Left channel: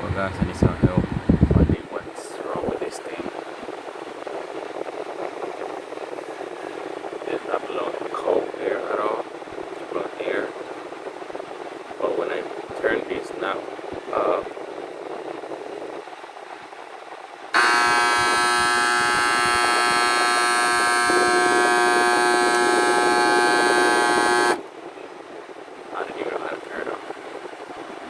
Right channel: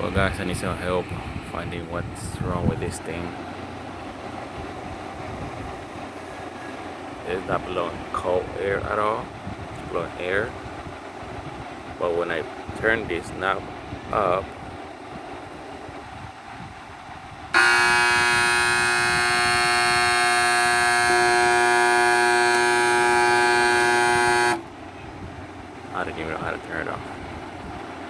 Well, guys, I need some help finding what's wrong with this thing. It's not blowing cold air at all. It's blowing air. But when I turn this knob up,